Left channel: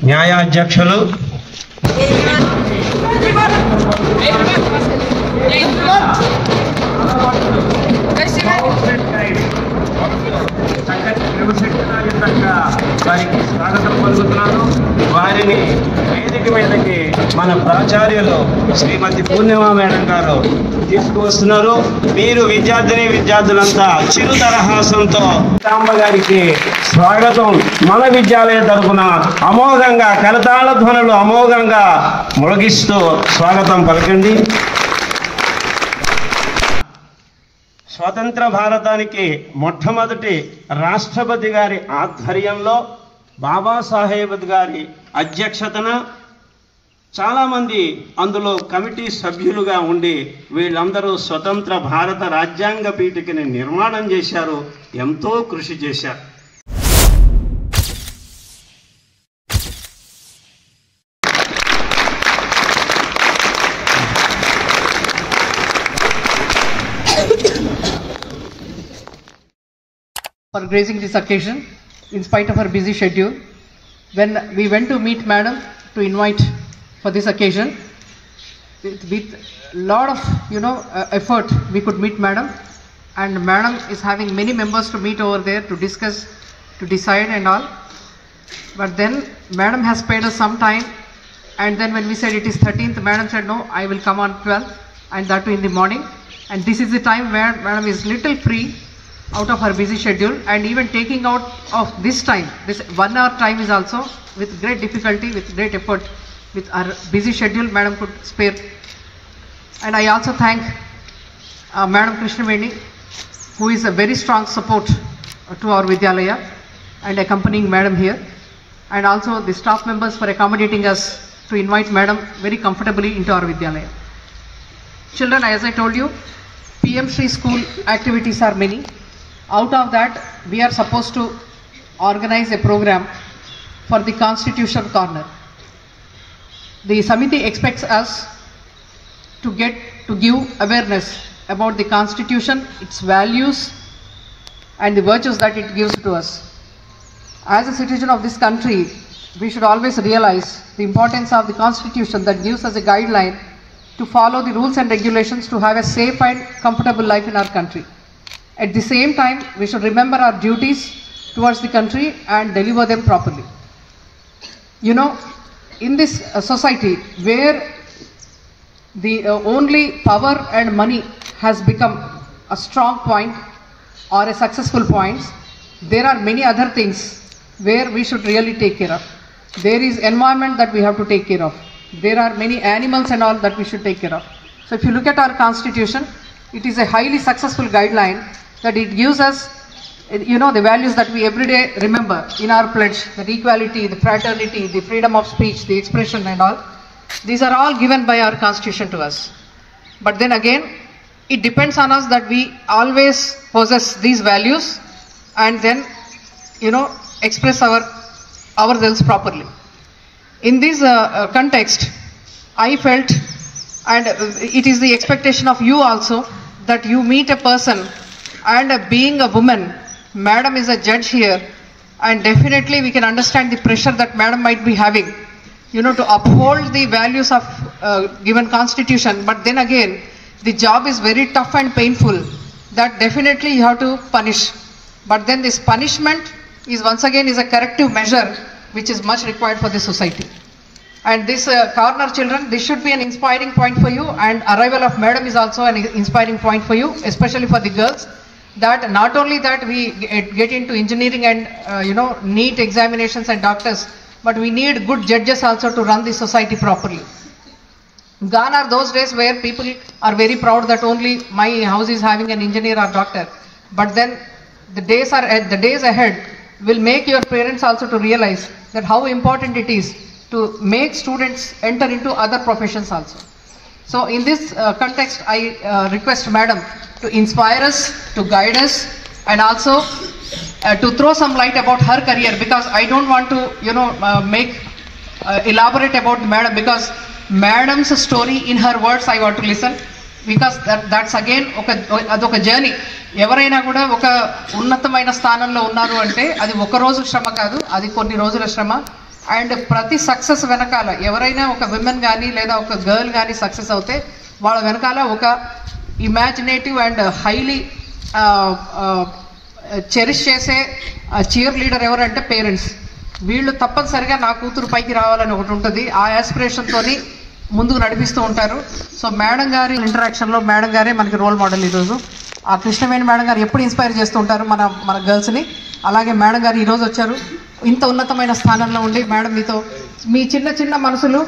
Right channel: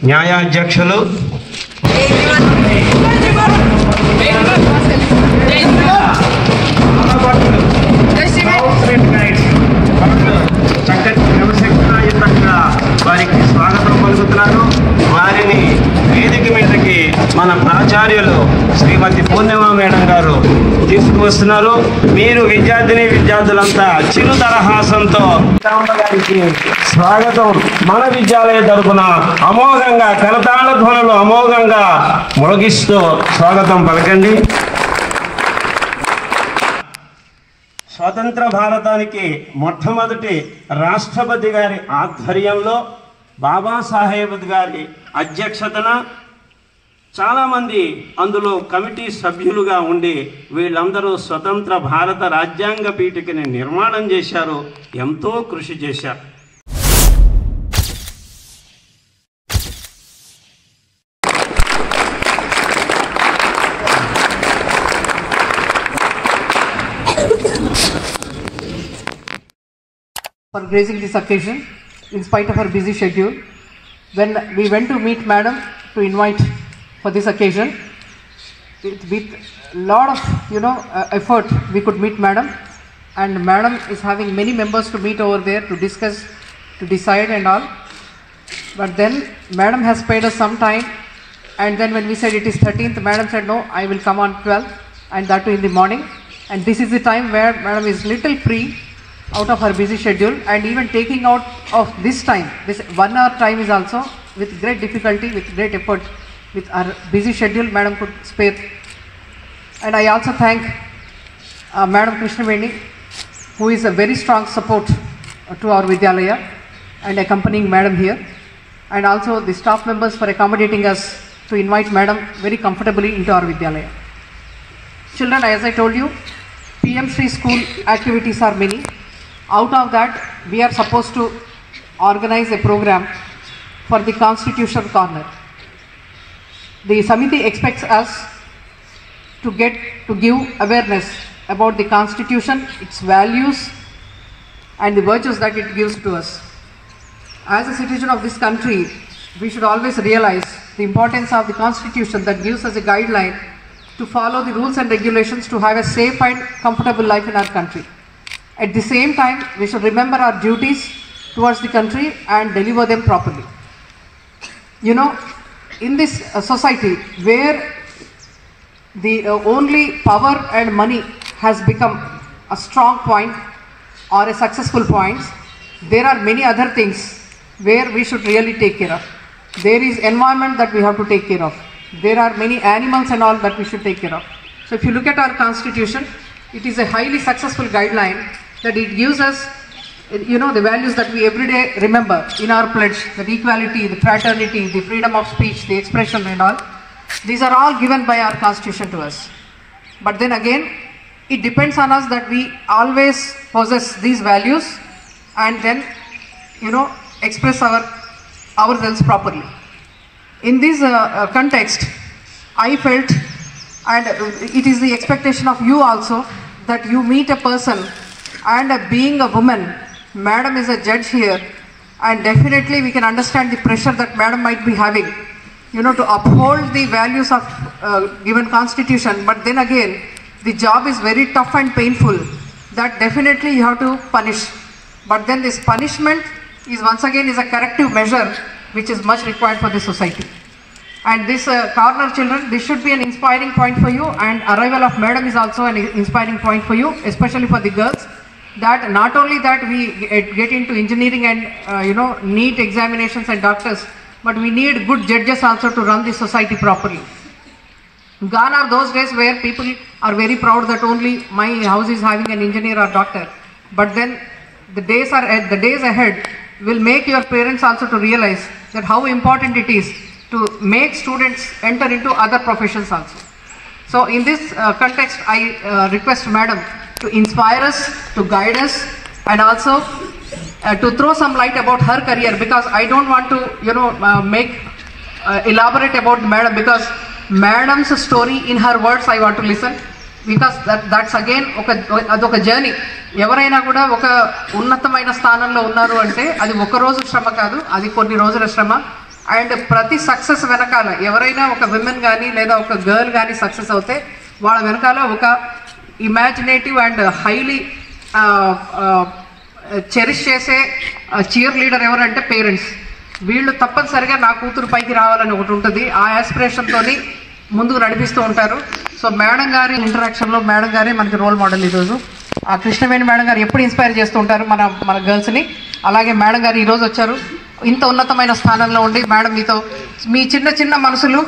న్యాయాధ్యక్షులు వారికి స్వాగతం పలుకుతున్నాను. వారిని వేదిక మీదకి మన ప్రాచార్యులు శ్రీమతి పూర్ణిమ మేడం గారు తీసుకువస్తున్నారు. మీరు విద్యార్థులంతా చిరు తరహాసంతో గారికి స్వాగతం మన విద్యాలయ తరపున అమోఘంగా కరతాళ ధ్వనులు అమోఘంగా మొలగిస్తూ స్వాగతం పలకండి. స్వతంత్ర భారతానికి మొట్టమొదటి రాష్ట్రపతి గారి ఆధ్వర్యంలో బాబాసాహెబ్ గారి అధ్యక్షతన చాలామంది అందులో కమిటీ సభ్యులుగా ఉండి వీళ్ళందరూ స్వతంత్ర భారత రాజ్యాంగ పీఠికని నిర్మాణం చేశారు, ఎంతో కృషి చేశారు. For gracing this occasion, in spite of her busy schedule, when we went to meet Madam to invite for this occasion, with lot of effort we could meet Madam, and Madam is having many members to meet over there to discuss, to decide and all. But then Madam has paid us some time, and then when we said it is 13th, Madam said no, I will come on 12th, and that too in the morning. And this is the time where Madam is little free out of her busy schedule, and even taking out of this time, this 1 hour time is also with great difficulty, with great effort, with our busy schedule Madam could spare. And I also thank Madam Krishnaveni, who is a very strong support to our Vidyalaya and accompanying Madam here, and also the staff members for accommodating us to invite Madam very comfortably into our Vidyalaya. Children, as I told you, PM Shri school activities are many. Out of that, we are supposed to organize a program for the Constitution Corner. The Samiti expects us to give awareness about the Constitution, its values, and the virtues that it gives to us. As a citizen of this country, we should always realize the importance of the Constitution that gives us a guideline to follow the rules and regulations to have a safe and comfortable life in our country. At the same time, we should remember our duties towards the country and deliver them properly. In this society where the only power and money has become a strong point or a successful point, there are many other things where we should really take care of. There is environment that we have to take care of. There are many animals and all that we should take care of. So if you look at our Constitution, it is a highly successful guideline that it gives us, the values that we every day remember in our pledge, the equality, the fraternity, the freedom of speech, the expression and all. These are all given by our Constitution to us. But then again, it depends on us that we always possess these values and then, express ourselves properly. In this context, I felt, and it is the expectation of you also, that you meet a person, and being a woman, Madam is a judge here, and definitely we can understand the pressure that Madam might be having, to uphold the values of given Constitution. But then again, the job is very tough and painful, that definitely you have to punish. But then this punishment is once again is a corrective measure which is much required for the society. And this corner, children, this should be an inspiring point for you, and arrival of Madam is also an inspiring point for you, especially for the girls, that not only that we get into engineering and NEET examinations and doctors, but we need good judges also to run the society properly. Gone are those days where people are very proud that only my house is having an engineer or doctor. But then the days ahead will make your parents also to realize that how important it is to make students enter into other professions also. So in this context, I request Madam to inspire us, to guide us, and also to throw some light about her career, because I don't want to elaborate about Madam, because Madam's story in her words I want to listen, because that's again adoka journey. ఎవరైనా కూడా ఒక ఉన్నతమైన స్థానంలో ఉన్నారు అంటే అది ఒక రోజు శ్రమ కాదు, అది కొన్ని రోజుల శ్రమ. అండ్ ప్రతి సక్సెస్ వెనకాల ఎవరైనా ఒక విమెన్ కానీ లేదా ఒక గర్ల్ కానీ సక్సెస్ అవుతే వాళ్ళ వెనకాల ఒక ఇమాజినేటివ్ అండ్ హైలీ చెరిష్ చేసే చీర్ లీడర్ ఎవరంటే పేరెంట్స్. వీళ్ళు తప్పనిసరిగా నా కూతురు పైకి రావాలని ఒకటి ఉంటుంది, ఆ యాస్పిరేషన్తో ముందుకు నడిపిస్తూ ఉంటారు. సో మేడం గారి ఇంటరాక్షన్లో మేడం గారే మనకి రోల్ మోడల్ ఈరోజు. ఆ కృష్ణవేణి మేడం గారు ఎప్పుడు ఇన్స్పైర్ చేస్తూ ఉంటారు మన గర్ల్స్ని. అలాగే మేడం గారు ఈరోజు వచ్చారు, ఇంత ఉన్నతమైన స్థానంలో ఉండి మేడం మీతో మీ చిన్న చిన్న మనసులు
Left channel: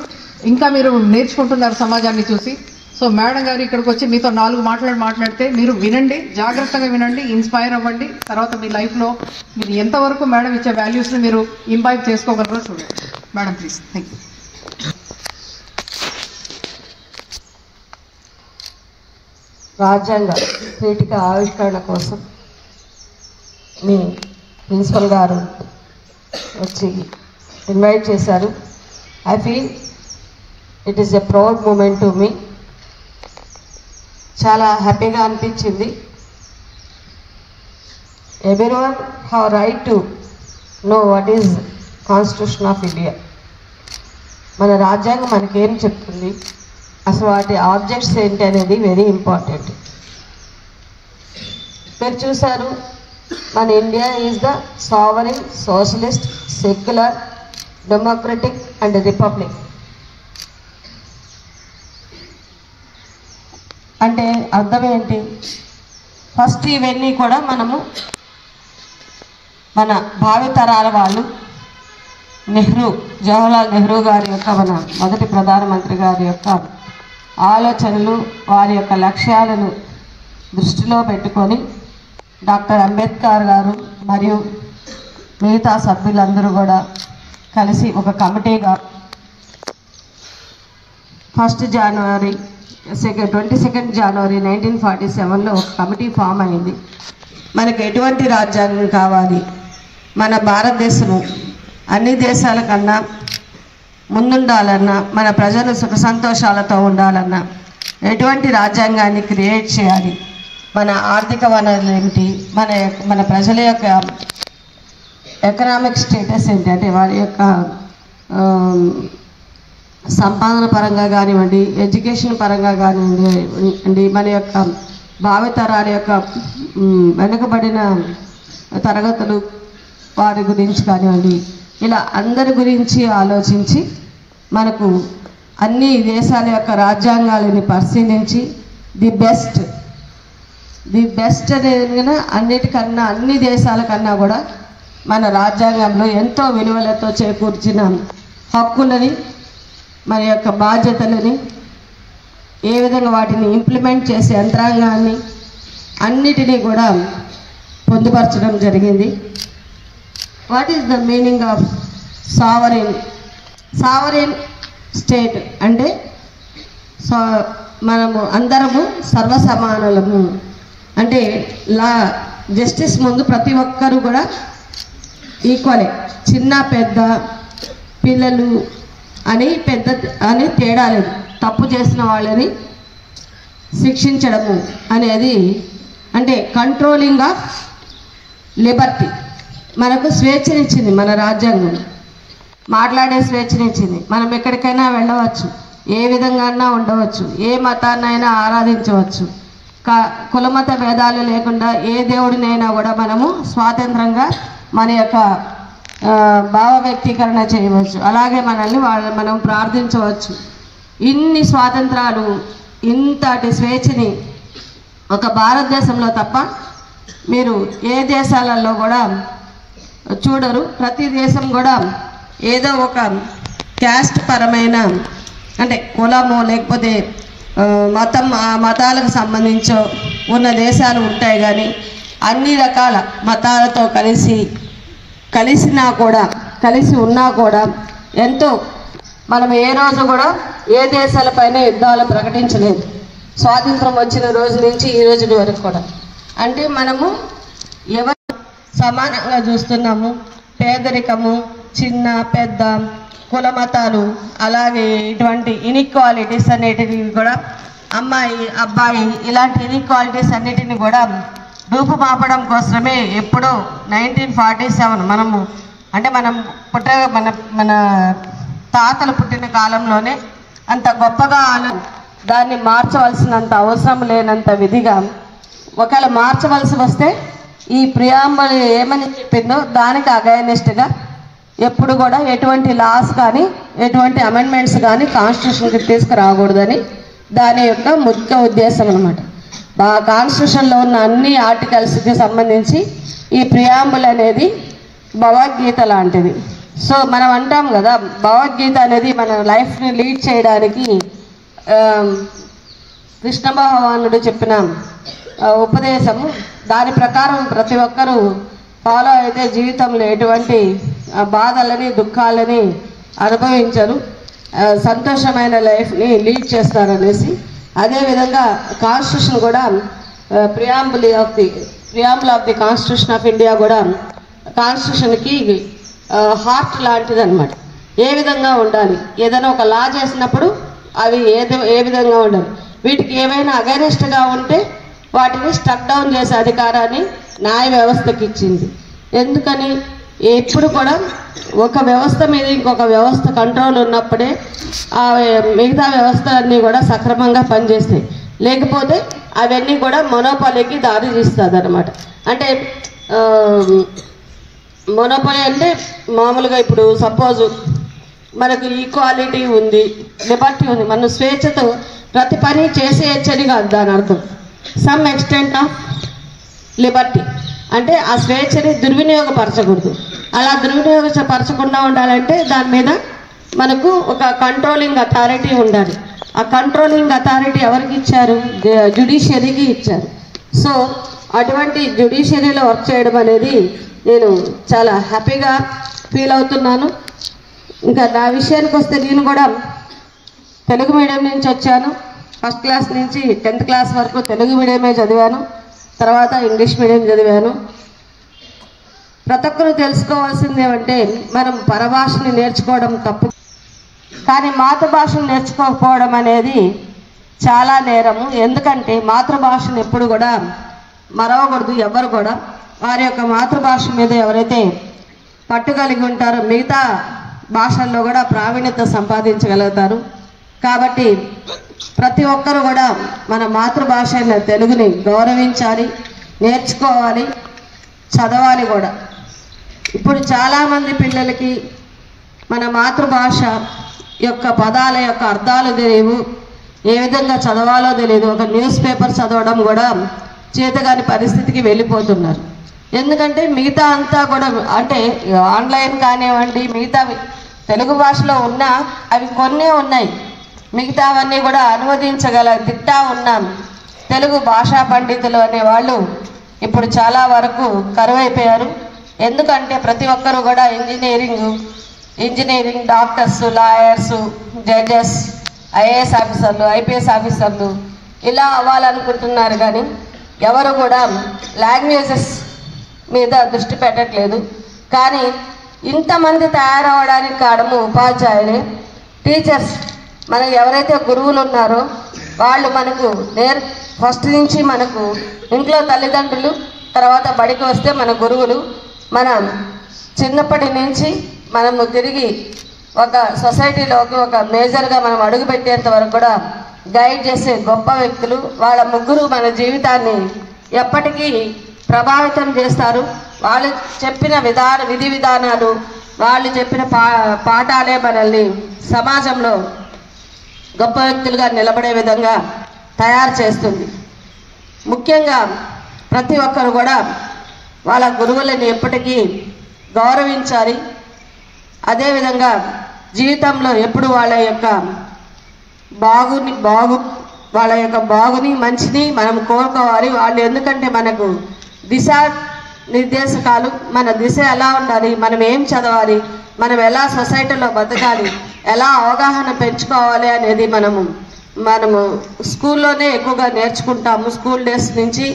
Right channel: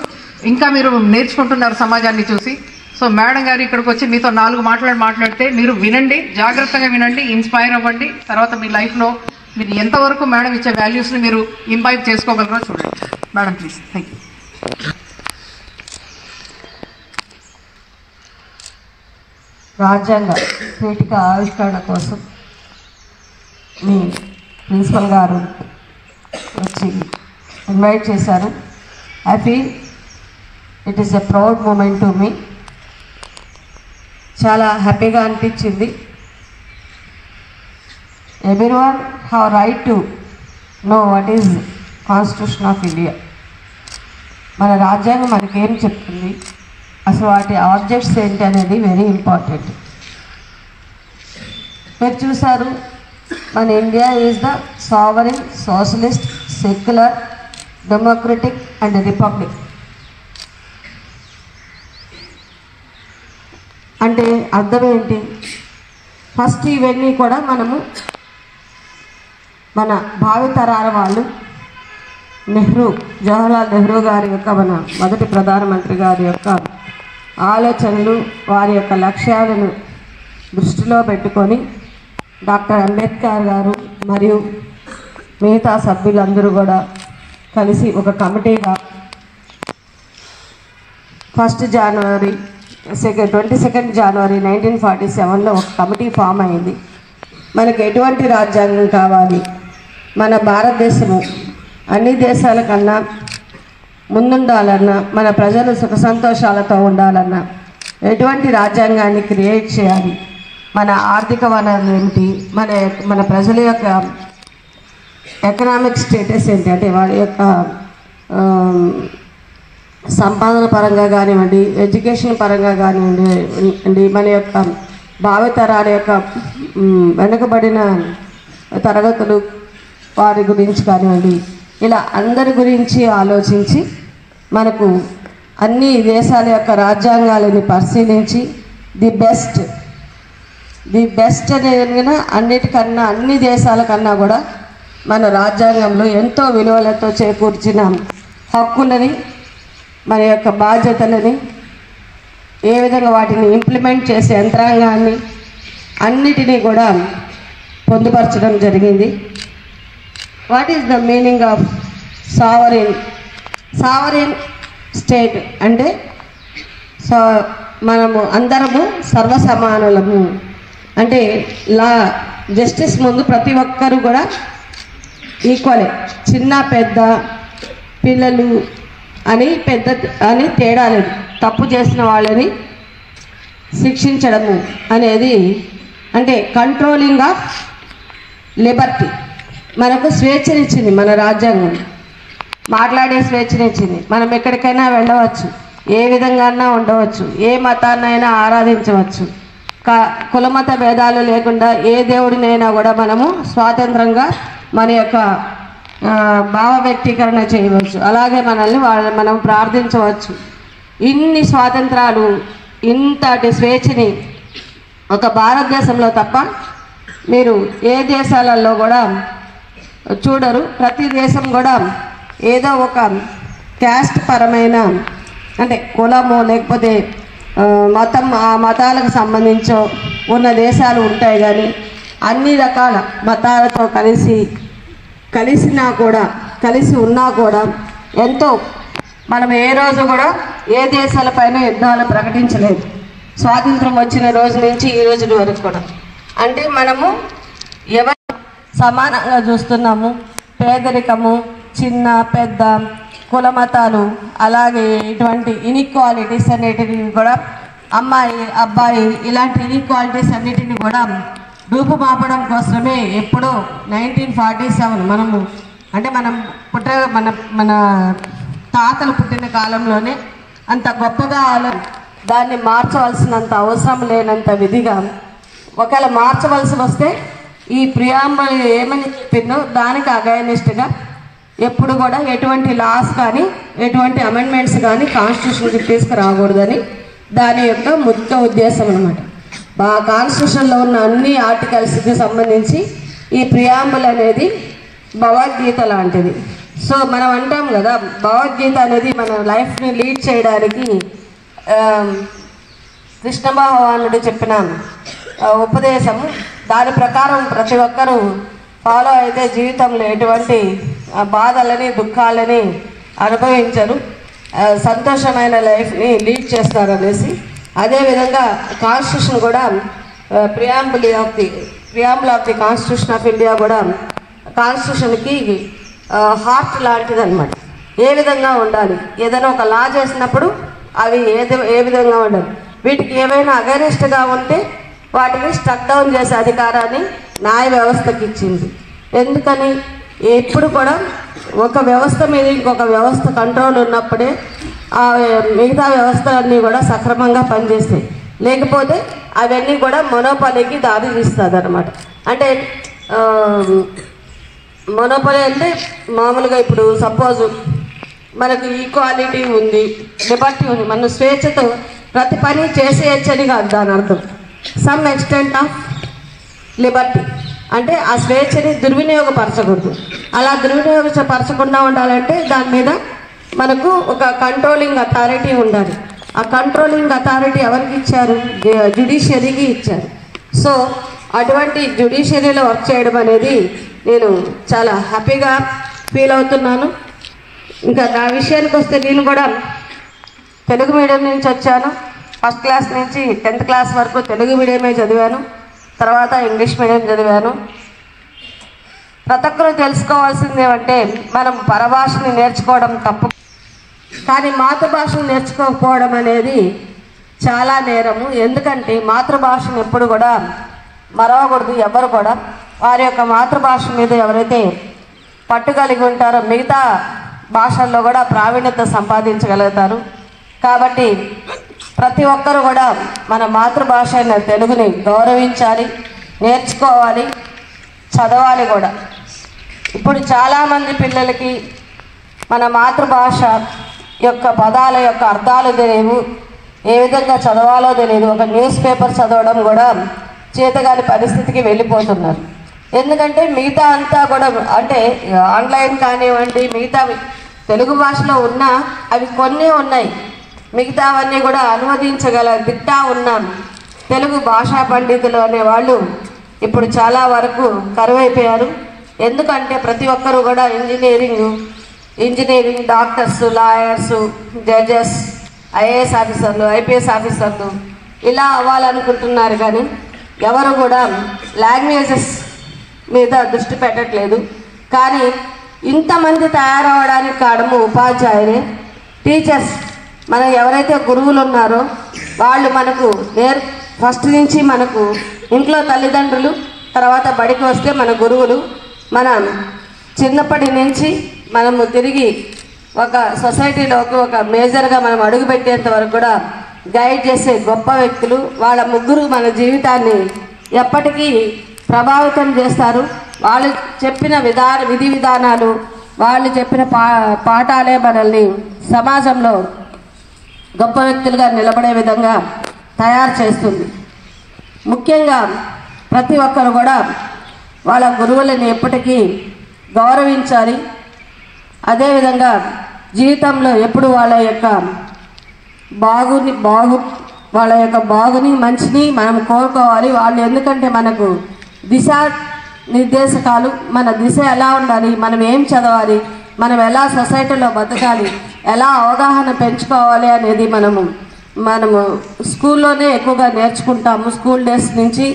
ఇంకా మీరు నేర్చుకుంటున్నారు సమాజాన్ని చూసి. సో మేడం గారు ఇక్కడికి వచ్చి మీతో 4 మాట్లాడితే మీరు వినండి, జాగ్రత్తగా వినండి, ఇన్స్పైర్ అవ్వండి. తర్వాత మీ లైఫ్లో మీరు ఎంతవరకు మేడం ఇచ్చే వాల్యూస్ని మీరు ఇంబైబ్ చేసుకోగలరో చూడండి. Madam please. Thank you. రాజ్యాంగ పీఠిక ఆవిష్కరణ కోసం మీ ప్రిన్సిపల్ గారు వచ్చి ఇన్వైట్ చేశారు. I feel it is a proud moment to me. చాలా హ్యాపీగా అనిపించింది. Everyone have right to know what is constitution of India. మన రాజ్యాంగం మనకేం చెప్తుంది, అసలు వాటి ఆబ్జెక్ట్స్ ఏంటి అనేది వెరీ ఇంపార్టెంట్. మీరు చూసారు, మన India is the sovereign socialist secular democratic and republic. అంటే అర్థం ఏంటి? ఫస్ట్ ఇవన్నీ కూడా మనము మన భావితరాల వాళ్ళు జవహర్లాల్ నెహ్రూ గారి యొక్క మన మొదటి ప్రధానమంత్రి గారి యొక్క ఆలోచనలు, వారి యొక్క లక్ష్యాలను దృష్టిలో పెట్టుకొని డాక్టర్ అంబేద్కర్ గారు మరియు మిగతా సభ్యులందరూ కూడా కలిసి ఒక కమిటీగా 1 జనవరి 22 జనవరి 1947లో ఒక కమిటీ ఫామ్ అయింది. మనకు ఎటువంటి రాజ్యాంగం కావాలి, మన భారతదేశము అన్ని దేశాల కన్నా ముందుండాలన్నా, మన ప్రజలు సుఖ సంతోషాలతో ఉండాలన్నా ఎటువంటి రాజ్యాంగాన్ని క్రియేట్ చేయాలి, మన ఆర్థిక వనరులు ఏమిటి, మన ప్రజల యొక్క ఎకనామిక్ స్టేటస్ ఏంటి, అంటే వారి యొక్క సంపాదన పరంగా కానివ్వండి, ఎడ్యుకేషన్ పరంగా కానివ్వండి, మన యొక్క భావితరాల యొక్క వెనుకబడిన తరగతులు వారి గురించి కానివ్వండి, ఇలా అందరి గురించి ఆలోచించి మనకు అన్ని దేశాల యొక్క రాజ్యాంగాలని పరిశీలించి ది బెస్ట్ అనేది అన్నిటికన్నా అన్ని దేశాల కన్నా కూడా మన రాజ్యాంగంలో ఎంతో విలువలతో చేకూర్చిన హక్కులని, మన యొక్క బాధ్యతలని, ఏ విధంగా వాటిని ఇంప్లిమెంట్ చేసే యంత్రాంగాన్ని అన్నిటినీ కూడా పొందుపరచడం జరిగింది. What is the meaning of sovereign state అంటే మనము అందరము సర్వసమానులము, అంటే జస్టిస్ ముందు ప్రతి ఒక్కరు కూడా ఈక్వలే, చిన్న పెద్ద పిల్లలు అని తేడా లేదు. తప్పు చేసిన వాళ్ళని శిక్షించడము అనేది అంటే కంట్రోలింగ్ ఆఫ్ లిబర్టీ. మనకు స్వేచ్ఛనిచ్చింది మన రాజ్యాంగం, మాట్లాడే స్వేచ్ఛనిచ్చింది. మనం ఎక్కడికైనా వెళ్ళవచ్చు, ఏ విధంగా ఉండవచ్చు, ఏ మతాన్నైనా ఆరాధించవచ్చు, కులమత భేదాలు లేకుండా ఏ దేవుడినైనా కూడా మనము స్వాతంత్రంగా మన యొక్క భావ వ్యక్తీకరణ చేయవచ్చు. అలాగే మనం ప్రార్థించవచ్చు. ఇన్ని స్వాతంత్రాలు, ఇంతటి స్వేచ్ఛని ఒక భారతదేశంలో తప్ప మీరు ఏ దేశాలలో కూడా చూడరు. ప్రతి దేశం కూడా ఏదో ఒక క్యాస్ట్ పరమైన అంటే కులము లేకపోతే మతం, ఆ మతాలకు సంబంధించో ఉన్న దేశాలు ఉంటాయి. కానీ అన్ని రకాల మతాలతో కలిసి ఉన్నా కూడా ఎంతో మనం ఏ రోజు కూడా ఏ దేశాలపైన యుద్ధాలు ప్రకటించలేదు, స్వాతంత్రం వచ్చిన రోజు నుంచి ఈ రోజు వరకు కూడా. అంటే మనము ఎవరు సమానంగా చూస్తున్నాము. పేదరికము, చిన్న పెద్ద కుల మతాలు, అలాగే ఇటువంటి ఇన్ఈక్వాలిటీస్ అన్నిటిని కూడా, అమ్మాయి అబ్బాయి ఇలాంటి ఇన్ఈక్వాలిటీస్ అన్నిటిని కూడా రూపుమాపడం కోసమే ఎప్పుడో 1947 మనము అంటే మన తాతలు పుట్టిన కాలంలోనే అంత గొప్పగా దాన్ని మార్చవలసినంత అవసరం లేనంత విధిగా ఒకవేళ మార్చవలసి వస్తే ఈ ప్రియాంబుల్ ఏమని చెప్పిందో దానికి అగైనెస్ట్గా ఎప్పుడు కూడా ఎటువంటి లాస్ కానీ ఎటువంటి అమెండ్మెంట్స్ కానీ కాన్స్టిట్యూషన్కి తీసుకురాకూడదని దాని యొక్క ముఖ్య ఉద్దేశం అన్నమాట. కాన్స్టిట్యూషన్లో ఉన్న అన్ని ఆర్టికల్స్కి సంబంధించి ఈ ప్రియాంబుల్ అనేది భగవద్గీత లాంటిది. సో మనం అంటాం కదా, భగవద్గీత అనేది మన లైఫ్ని లీడ్ చేయడానికి కృష్ణ భగవానుడు చెప్పిన ఉపదేశము. దాని ప్రకారం ప్రతి ఒక్కరూ ఫాలో అయితే జీవితంలో ఎటువంటి బాధలని దుఃఖాలని అనుభవించరు, సంతోషమైన లైఫ్ని లీడ్ చేస్తారనేసి. అదేవిధంగా కాన్స్టిట్యూషన్ కూడా preamble of the constitution of India కూడా కాన్స్టిట్యూషన్కి హార్ట్ లాంటిది అనమాట. ఏ విధంగా ఉండాలి, ఏదైనా ఒక లా చేసినప్పుడు అవి ఏ విధంగా ఉండాలి, వీటికి ఏమైనా అగైనెస్ట్గా ఉంటే వాటిని స్టక్ డౌన్ చేసే అధికారాన్ని న్యాయ వ్యవస్థకి ఇచ్చింది. ఎందుకని ఎప్పుడు కూడా ఒక వ్యవస్థ మీద ఇంకొక వ్యవస్థ కంట్రోల్ ఉన్నప్పుడే ఆ మిగతా వ్యవస్థ అన్నీ కూడా సక్రమంగా పనిచేస్తాయి. లేకపోతే అవన్నీ కూడా మొనోపాలీకి దారి తీస్తుంది అనమాట. అంటే మొనోపాలీ అంటే మామూలుగా ఇప్పుడు సపోజ్ మనకు ఈక్వాలిటీ ఉంది, లిబర్టీ ఉంది, మనం స్వేచ్ఛతో ప్రతి పని చేసేయచ్చని కాదు దాని అర్థం. సమ్ ఎక్స్టెంట్ ఆఫ్ లిబర్టీ అంటే ఆ స్వేచ్ఛని దుర్వినియోగపరచకూడదు. అలా దుర్వినియోగపరచకుండా ఉండాలంటే దాని మీద మనకు ఒక కంట్రోలింగ్ అథారిటీ ఉండాలి. ఆ కంట్రోలింగ్ అథారిటీ ఎవరికి ఇచ్చారు? జ్యుడిషియరీకి ఇచ్చారు. సో అటువంటి జ్యుడిషియరీలో వర్క్ చేయడం అనేది నేను చాలా హ్యాపీగా ఫీల్ అవుతున్నాను. ఇంకా నా విషయానికి వస్తే నేను కూడా తెలుగు మీడియం నుంచి వచ్చాను. ఫస్ట్ క్లాస్ నుంచి 10th క్లాస్ వరకు తెలుగు మీడియమే చదివాను, తర్వాత ఇంగ్లీష్ మీడియం చదివాను. ప్రతి ఒక్కరూ తెలుసుకోవాల్సింది ఏమంటే మనం పరభాషని నేర్చుకోవడం తప్పు, కానీ మాతృభాషను నేర్చుకోకపోవడం అనేది చాలా నేరము. ఎందుకంటే మాతృభాషను ఎప్పుడు కూడా మరవకూడదు. ఎవరు కూడా వారి యొక్క మాతృభాష మీద ఎవరైతే పట్టు కలిగి ఉంటారో మిగతా భాషల్లో కూడా ప్రావీణ్యత సంపాదించగలుగుతారు. కాబట్టి ప్రతి ఒక్కరూ కూడా మన మాతృభాష అయిన తెలుగుని గౌరవించాలి, నేర్చుకోవాలి, చదవాలి కూడా. ఇప్పుడు చాలామంది పిల్లలకి మన మాతృభాష యొక్క పదాల యొక్క అర్థాలు తెలియవు, ఏ విధంగా చదవాలో తెలియదు. ఒక న్యూస్ పేపర్ చదవడం కూడా చేతగాని పరిస్థితికి వెళ్ళిపోతున్నారు. ఎందుకంటే మిగతా అంతా కూడా అంటే ఆన్లైన్ కానివ్వండి, మిగతా తెలుగు భాషలో ఉన్నా అవి కొన్నే ఉన్నాయి, మిగతావన్నీ కూడా అనువదించగల దిట్టా ఉన్నాం. తెలుగు భాషా పండితులు అనేవాళ్ళు ఇప్పుడు చాలా వరకు కరువైపోయారు. ఎందుకంటే ప్రతి ఒక్కరూ కూడా engineering doctors, lawyers, judges, IAS ఆఫీసర్లు, ఐపీఎస్ ఆఫీసర్లు ఇలా అవ్వాలనుకుంటున్నారు. కానీ ఎవరు కూడా లాంగ్వేజెస్ మీద దృష్టి పెట్టట్లేదు. కానీ ఇంతమంది తయారవడానికి కారణము ఉపాధ్యాయులే, టీచర్స్. మనం ఎవరైతే గురువులు ఉన్నారో వాళ్ళు మనకు ఫస్ట్ నుంచి మనకు ఇంట్లో తల్లిదండ్రులు, తర్వాత బడికి వస్తే మన గురువులు. మన చిన్నప్పటి నుంచి మనము తిరిగి ఒక సొసైటీలోకి ఒక మేజర్గా మనం అడుగుపెట్టేంత వరకు కూడా గైడ్ చేసే గొప్ప వ్యక్తులు. వాళ్ళ ముగ్గురు మన జీవితాన్ని ఎప్పటికీ ప్రభావితం చేస్తారు. వాళ్ళు చెప్పిన విధి విధానాలు, వాళ్ళు చెప్పిన పాఠాలే మనల్ని సమాజంలో గొప్ప వ్యక్తులుగా నిలబడే విధంగా తయారు చేస్తుంది. ముఖ్యంగా ప్రతి ఒక్కరు కూడా వాళ్ళ గురువులను ఎప్పటికీ గౌరవించాలి. అదేవిధంగా జీవితంలో ఎప్పుడు వాళ్ళ యొక్క బాగుని మంచిని మనం కోరుకోవాలి. వాళ్ళు ఎందుకంటే మనకు దిశా నిర్దేశకాలు, మన దిశ ఎలా ఉండాలి, మనం ఏం చదవాలి, మనం ఎలా సొసైటీలో బతకాలి, ఎలా అవగాహన పెంచుకోవాలి అనేది మనము స్కూల్లోనే ఎక్కువగా నేర్చుకుంటాము. స్కూల్ డేస్ నుంచి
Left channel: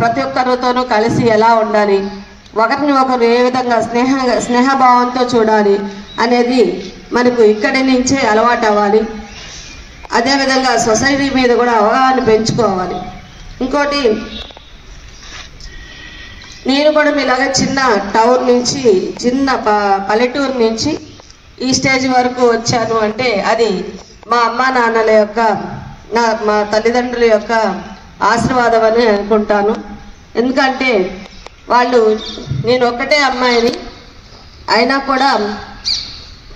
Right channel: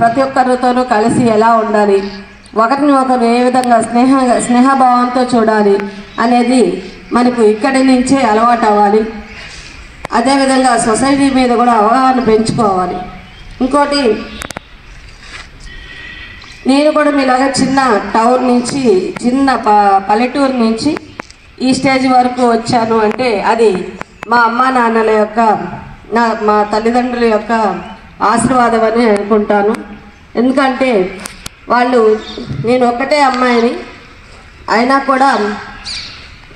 ప్రతి ఒక్కరితోనూ కలిసి ఎలా ఉండాలి, ఒకరిని ఒకరు ఏ విధంగా స్నేహభావంతో చూడాలి అనేది మనకు ఇక్కడి నుంచే అలవాటు అవ్వాలి. అదేవిధంగా సొసైటీ మీద కూడా అవగాహన పెంచుకోవాలి. ఇంకోటి నేను కూడా మీలాగా చిన్న టౌన్ నుంచి, చిన్న పల్లెటూరు నుంచి ఈ స్టేజ్ వరకు వచ్చాను అంటే అది మా అమ్మా నాన్నల యొక్క, మా తల్లిదండ్రుల యొక్క ఆశీర్వాదం అని అనుకుంటాను. ఎందుకంటే వాళ్ళు, నేను ఒక్కటే అమ్మాయిని అయినా కూడా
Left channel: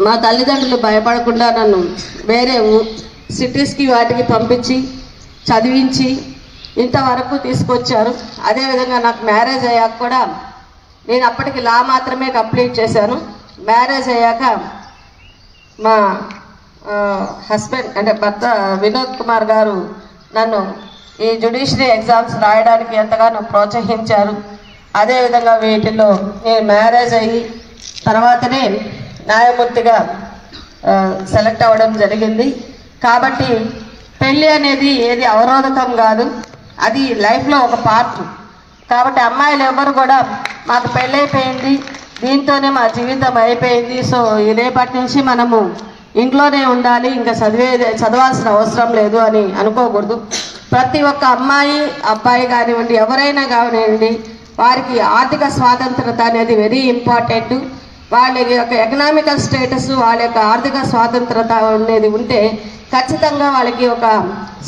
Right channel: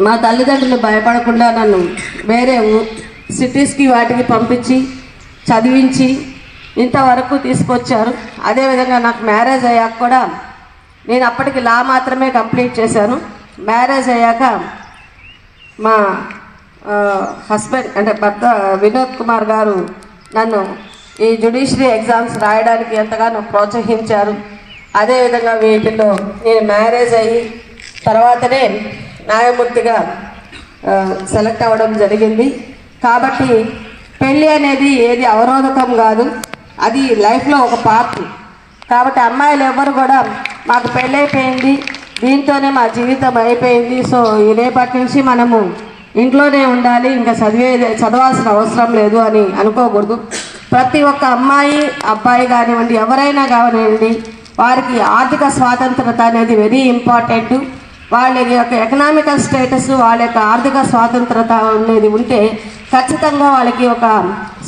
మా తల్లిదండ్రులు భయపడకుండా నన్ను వేరే సిటీస్కి వాటికి పంపించి చదివించి ఇంతవరకు తీసుకొచ్చారు. అదేవిధంగా నాకు మ్యారేజ్ అయ్యాక కూడా, నేను అప్పటికి లా మాత్రమే కంప్లీట్ చేశాను. మ్యారేజ్ అయ్యాక మా హస్బెండ్ అంటే భర్త వినోద్ కుమార్ గారు నన్ను ఈ జ్యుడిషియరీ ఎగ్జామ్స్ రాయడానికి ఎంతగానో ప్రోత్సహించారు. అదేవిధంగా వీటిలో నేను మ్యారేజ్ అయ్యి తర్వాతనే న్యాయమూర్తిగా సెలెక్ట్ అవ్వడం జరిగింది. కాబట్టి పెళ్ళి అనేది ఏది అవరోధకం కాదు, అది లైఫ్లో ఒక పార్ట్. కాబట్టి అమ్మాయిలు ఎవరు కూడా మాకు పెళ్ళైపోయింది, దీంతోనే మా జీవితం అయిపోయింది, సో రేపటి నుంచి మనము ఇంట్లోనే ఉండాలి, ఇంకా చదవాల్సిన అవసరం లేదు అని అనుకోకూడదు. ప్రతి ఒక్క అమ్మాయి అబ్బాయి కానివ్వండి, ఎవరైనా కానివ్వండి, వారికి ఆర్థిక స్వాతంత్రత అనేది వెరీ ఇంపార్టెంట్. వాళ్ళ యొక్క ఎకనామికల్ స్టేటస్, వాళ్ళ యొక్క ఆర్థిక స్వాతంత్రత అనేది ఉంటే ఖచ్చితంగా వాళ్ళకి ఒక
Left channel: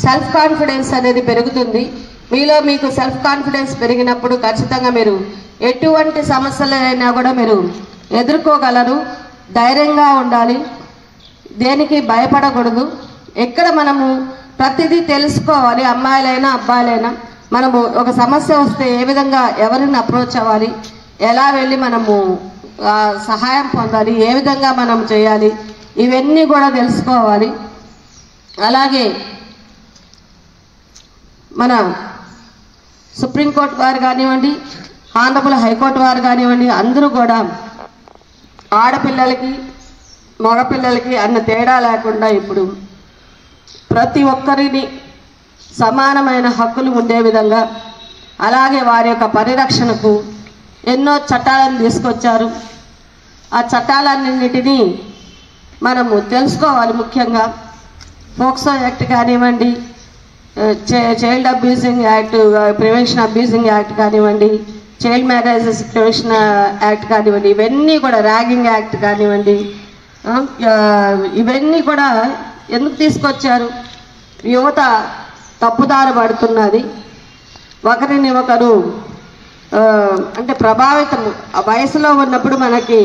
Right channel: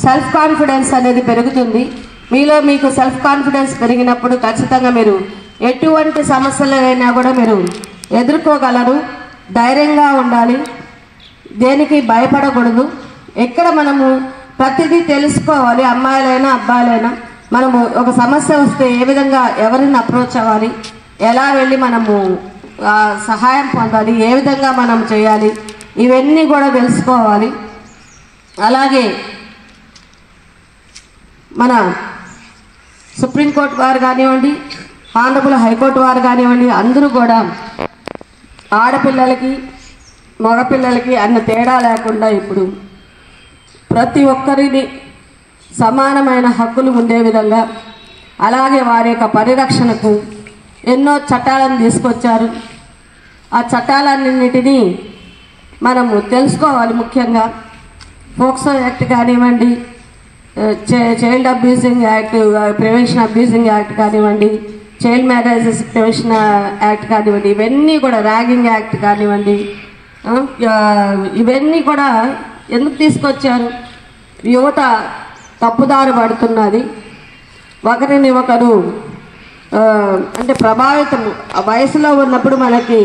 సెల్ఫ్ కాన్ఫిడెన్స్ అనేది పెరుగుతుంది. మీలో మీకు సెల్ఫ్ కాన్ఫిడెన్స్ పెరిగినప్పుడు ఖచ్చితంగా మీరు ఎటువంటి సమస్యలైనా కూడా మీరు ఎదుర్కోగలరు. ధైర్యంగా ఉండాలి, దేనికి భయపడకూడదు. ఎక్కడ మనము ప్రతిదీ తెలుసుకోవాలి, అమ్మాయిలైనా అబ్బాయిలైనా. మనము ఒక సమస్య వస్తే ఏ విధంగా ఎవరిని అప్రోచ్ అవ్వాలి, ఎలా వెళ్ళి మనము సహాయం పొందాలి, ఏ విధంగా మనం చేయాలి, ఇవన్నీ కూడా తెలుసుకోవాలి. అలాగే మన సుప్రీంకోర్టు వారు కానివ్వండి, ఆనరబుల్ హైకోర్టు వారు కానివ్వండి, అందరూ కూడా ఆడపిల్లలకి మగపిల్లలకి అన్న తేడా లేకుండా ఇప్పుడు ప్రతి ఒక్కరిని సమానమైన హక్కులు ఉండే విధంగా, అలాగే వారి యొక్క పరిరక్షణకు ఎన్నో చట్టాలను తీసుకొచ్చారు. ఆ చట్టాలన్నింటినీ మనము తెలుసుకోవాలి. ముఖ్యంగా పోక్సో యాక్ట్ కానివ్వండి, child abusing act, prevention abusing act కానివ్వండి, చైల్డ్ మ్యారేజెస్ ప్రివెన్షన్ యాక్ట్ కానివ్వండి, ఇవన్నీ కూడా ర్యాగింగ్ యాక్ట్ కానివ్వండి, ఇవన్నీ కూడా ఎందుకు తీసుకొచ్చారు? యువత తప్పుదారి పడుతున్నది, ఒకరిని ఒకరు అంటే ప్రభావితం. వయసులో ఉన్నప్పుడు మనకి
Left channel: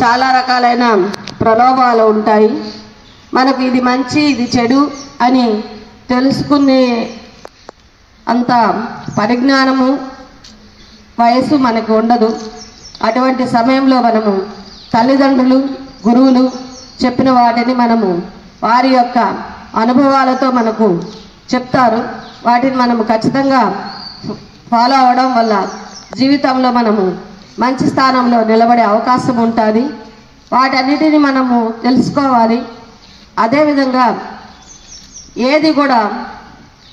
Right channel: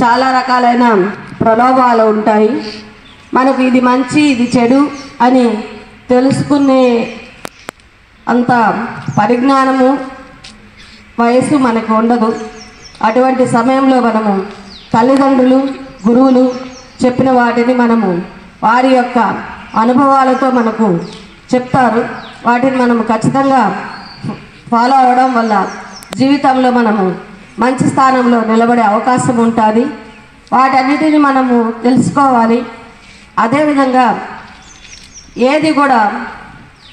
చాలా రకాలైన ప్రలోభాలు ఉంటాయి. మనకు ఇది మంచి ఇది చెడు అని తెలుసుకునే అంత పరిజ్ఞానము వయసు మనకు ఉండదు. అటువంటి సమయంలో మనము తల్లిదండ్రులు, గురువులు చెప్పిన వాటిని మనము వారి యొక్క అనుభవాలతో మనకు చెప్తారు. వాటిని మనము ఖచ్చితంగా ఫాలో అవ్వడం వల్ల జీవితంలో మనము మంచి స్థానంలో నిలబడే అవకాశం ఉంటుంది. వాటన్నిటిని మనము తెలుసుకోవాలి. అదేవిధంగా ఏది కూడా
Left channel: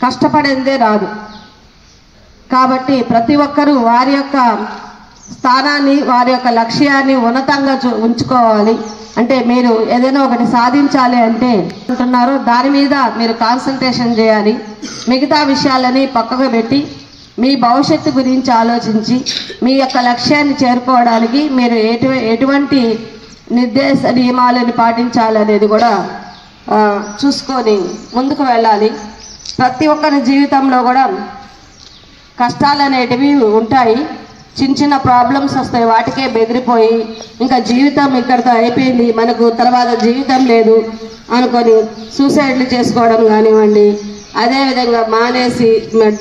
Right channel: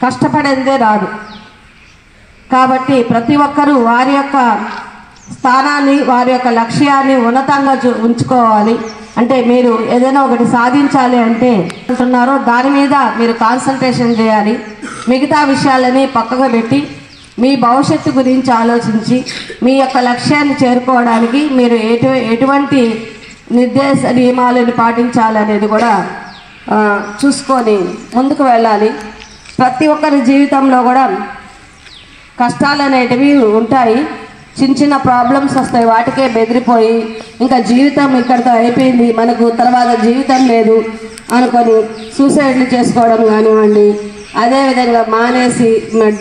కష్టపడిందే రాదు. కాబట్టి ప్రతి ఒక్కరూ వారి యొక్క స్థానాన్ని, వారి యొక్క లక్ష్యాన్ని ఉన్నతంగా ఉంచుకోవాలి. అంటే మీరు ఏదైనా ఒకటి సాధించాలి అంటే అంటున్నారో దాని మీద మీరు కాన్సన్ట్రేషన్ చేయాలి. మిగతా విషయాలని పక్కకు పెట్టి మీ భవిష్యత్తు గురించి ఆలోచించి మీ యొక్క లక్ష్యాన్ని చేరుకోవడానికి మీరు ఎటువంటి నిర్దేశ నియమాలను పాటించాలనేది కూడా చూసుకొని ముందుకు వెళ్ళాలి. ప్రతి ఒక్కరి జీవితంలో కూడా కష్టాలు అనేటివి ఉంటాయి. చిన్న చిన్న ప్రాబ్లమ్స్ వస్తాయి, వాటికే బెదిరిపోయి ఇంకా జీవితం ఇక్కడితో అయిపోయింది, మనకు తర్వాత జీవితం లేదు అనుకొని సూసైడ్లు చేసుకోవడం కానివ్వండి, అదేవిధంగా మానేసి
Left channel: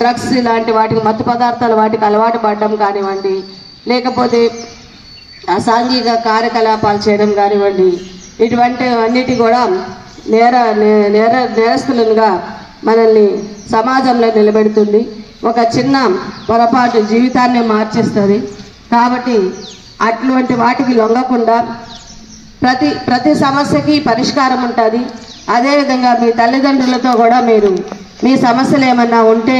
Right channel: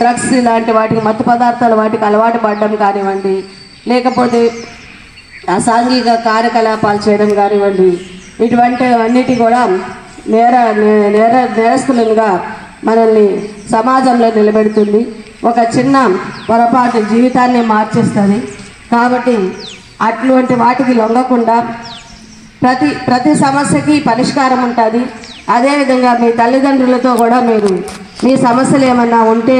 డ్రగ్స్ ఇలాంటి వాటికి, మత్తు పదార్థాలు వాటికి అలవాటు పడడం కానివ్వండి, లేకపోతే అసాంఘిక కార్యకలాపాలు చేయడం కానివ్వండి, ఇటువంటి అన్నిటి కూడా నేరస్తులుగా మనల్ని సమాజంలో నిలబెడుతుంది. ఒక చిన్న పొరపాటు జీవితాన్ని మార్చేస్తుంది. కాబట్టి అటువంటి వాటికి లొంగకుండా ప్రతి సమస్యకి పరిష్కారం ఉంటుంది. అదేవిధంగా మీ తల్లిదండ్రులతో కూడా మీరు మీ సమస్యలు ఏమన్నా ఉంటే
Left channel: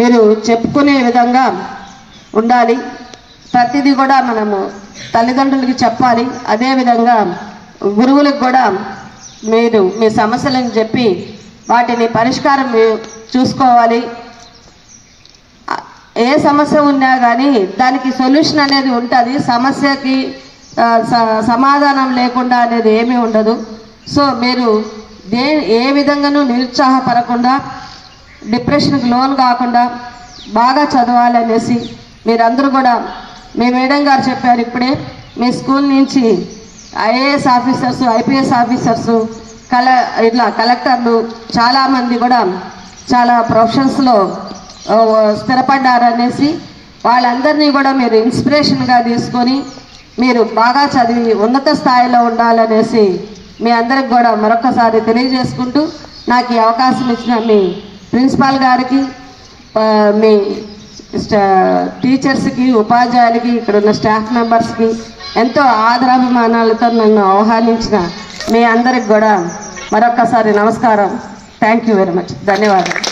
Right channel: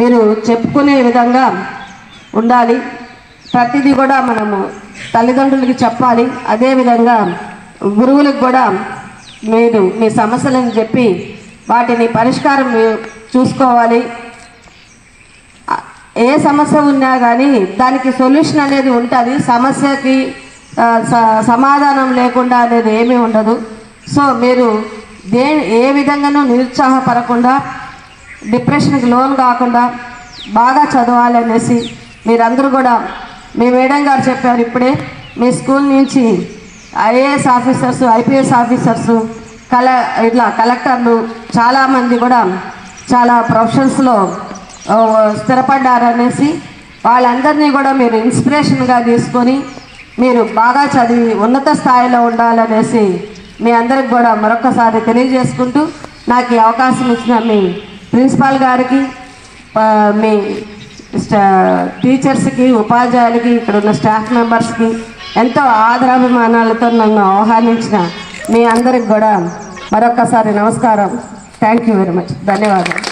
మీరు చెప్పుకునే విధంగా ఉండాలి. ప్రతిదీ కూడా మనము తల్లిదండ్రులకి చెప్పాలి. అదేవిధంగా గురువులకు కూడా మీరు మీ సమస్యలను చెప్పి వాటిని పరిష్కారం చూసుకోవాలి. ఏ సమస్య ఉన్నా కానీ దానికి సొల్యూషన్ అనేది ఉంటుంది. సమస్యకి సమాధానం లేకుండా అనేది ఏమీ ఉండదు. సో మీరు ఏ విధంగానూ నిరుత్సాహపడకుండా, డిప్రెషన్కి లోన్ కాకుండా బాగా చదవాలనేసి మీరందరూ కూడా, మీ మేడం గారు చెప్పారు ఇప్పుడే, మీ స్కూల్ నుంచి ఐఏఎస్ ఆఫీసర్స్, ఐపీఎస్ ఆఫీసర్స్, ఇట్లా కలెక్టర్లు చాలామంది కూడా చాలా ప్రొఫెషన్స్లో స్థిరపడ్డారనేసి వాళ్ళందరినీ కూడా మీరు ఇన్స్పిరేషన్గా తీసుకొని మీరు బాగా చదివి ఉన్నత స్థాయిలో ఉండాలనేసి మీ అందరికి కూడా మరొకసారి తెలియజేసుకుంటూ, నాకు ఈ అవకాశం ఇచ్చిన మీ ప్రిన్సిపాల్ గారికి, మీ టీచర్స్కి, ఉపాధ్యాయులకి, ఇక్కడ ఉన్న స్టాఫ్ మెంబర్స్కి ఎంతో ఆదరాభిమానాలతో నన్ను ఆహ్వానించిన మీ అందరికి కూడా మరొకసారి నమస్కారం. Thank you very much. ధన్యవాదాలు.